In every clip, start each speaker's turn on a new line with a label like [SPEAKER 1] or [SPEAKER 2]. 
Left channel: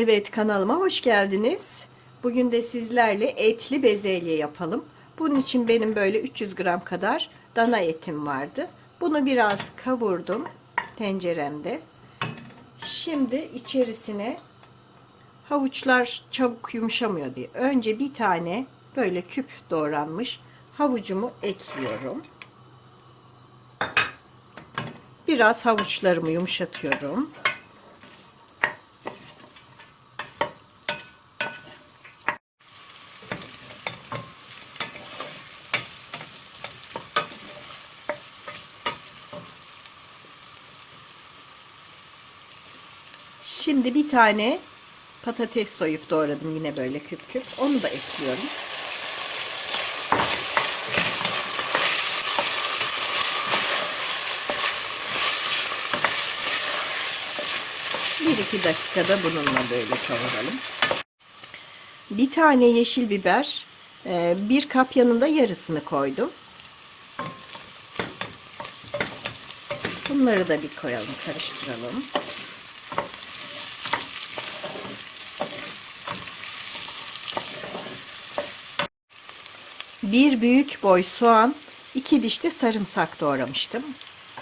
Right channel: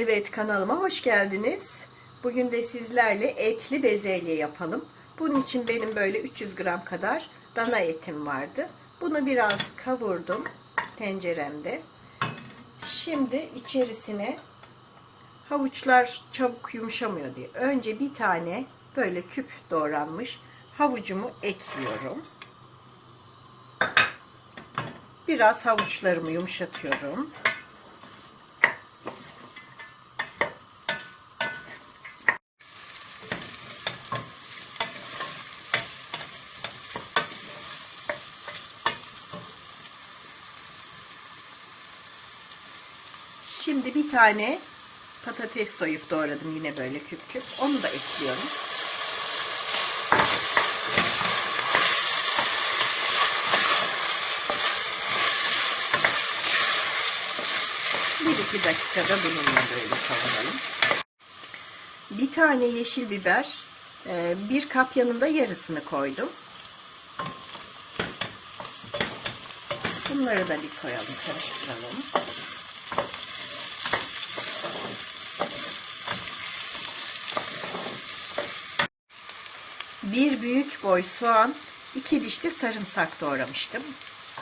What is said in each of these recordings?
[SPEAKER 1] Evet kanalıma hoş geldiniz. Bugün de sizlerle etli bezelye yapalım. Bunun için benim böyle 300 gram kadar dana etim vardı. Bunu biraz kavurdum tenceremde. Şimdi içerisine havuçlar çabuk yumuşamıyor diye. Önce bir tane böyle küp doğranmış havucumu ekliyorum. Biraz havuçlarımı yumuşatıyorum. Şimdi bir tane patates soyup doğradım yine böyle küp küp. Onu da ekliyorum. Bir iki dakikada bununla böyle kavuralım. Bir tane yeşil biber, e, bir kap yanında yarısını koydum. Bunları da bir koyalım, karıştıralım. Bir büyük boy soğan, iki diş de sarımsak doğramıştım.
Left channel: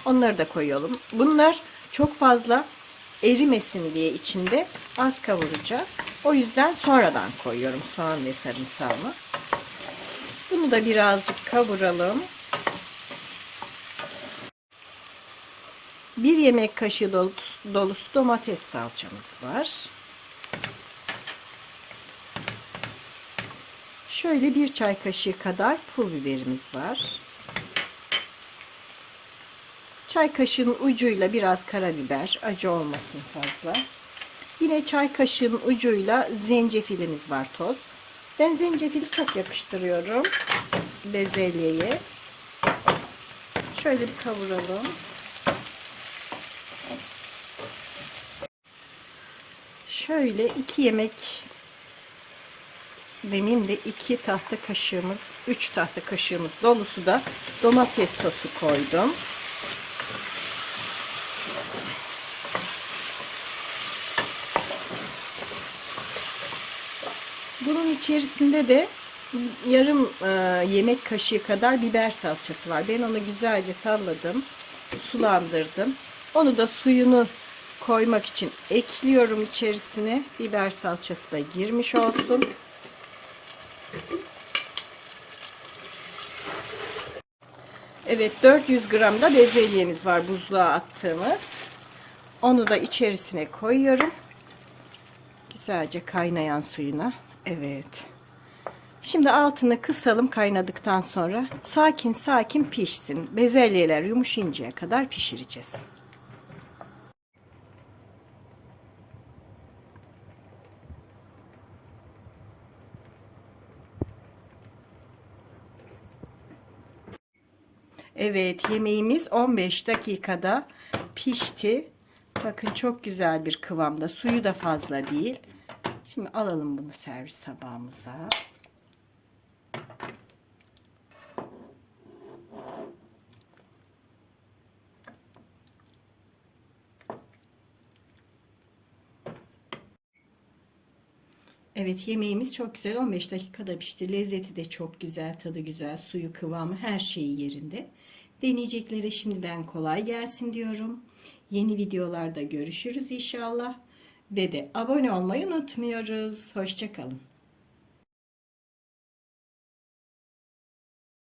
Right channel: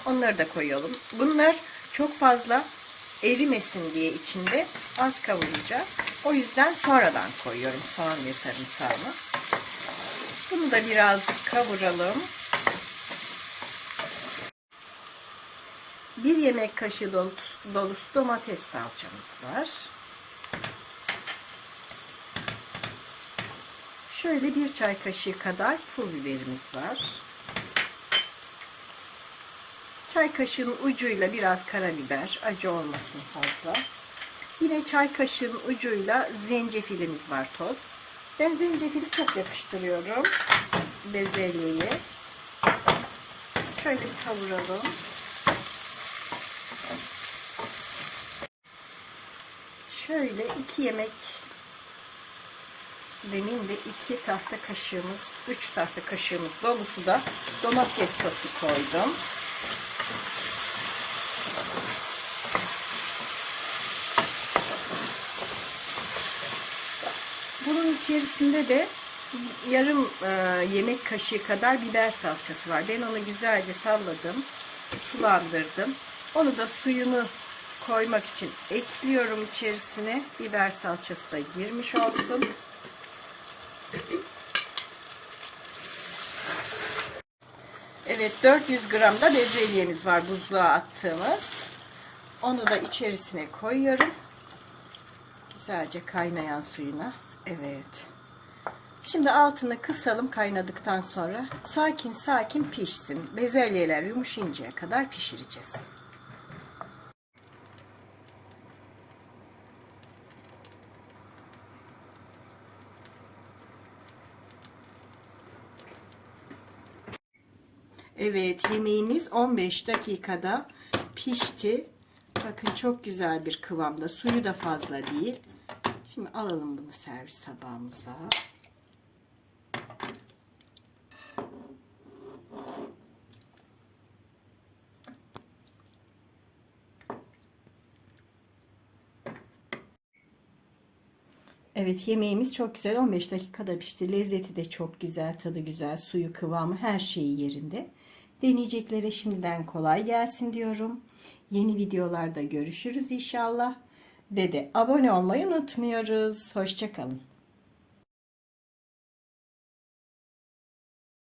[SPEAKER 1] Onları da koyalım. Bunlar çok fazla erimesin diye içinde az kavuracağız. O yüzden sonradan koyuyorum soğan ve sarımsağımı. Bunu da birazcık kavuralım. Bir yemek kaşığı dolusu, domates salçamız var. Şöyle bir çay kaşığı kadar pul biberimiz var. Çay kaşığının ucuyla biraz karabiber, acı olmasın fazla. Yine çay kaşığının ucuyla zencefilimiz var toz. Ben zencefili çok yakıştırıyorum bezelyeye. Şöyle bir kavuralım. Şöyle iki yemek benim de iki tahta kaşığımız, üç tahta kaşığımız dolusu da domates sosu koydum. Bunun içerisinde de yarım e, yemek kaşığı kadar biber salçası var. Ben onu güzelce salladım, sulandırdım. Onu da suyunu koymak için ekliyorum içerisine. Biber salçası da girmiş olsun. Evet 400 gram da bezelyemiz var buzluğa attığımız. Onu da içerisine koyuyorum. Güzelce kaynayan suyuna. Evet. Şimdi altını kısalım kaynadıktan sonra. Sakin sakin pişsin. Bezelyeler yumuşayıncaya kadar pişireceğiz. Evet yemeğimiz 15 dakikada pişti. Bakın çok güzel bir kıvamda. Suyu da fazla değil. Şimdi alalım bunu servis tabağımıza. Evet yemeğimiz çok güzel 15 dakikada pişti. Lezzeti de çok güzel, tadı güzel, suyu kıvamı her şeyi yerinde. Deneyeceklere şimdiden kolay gelsin diyorum. Yeni videolarda görüşürüz inşallah. Ve de abone olmayı unutmuyoruz. Hoşçakalın.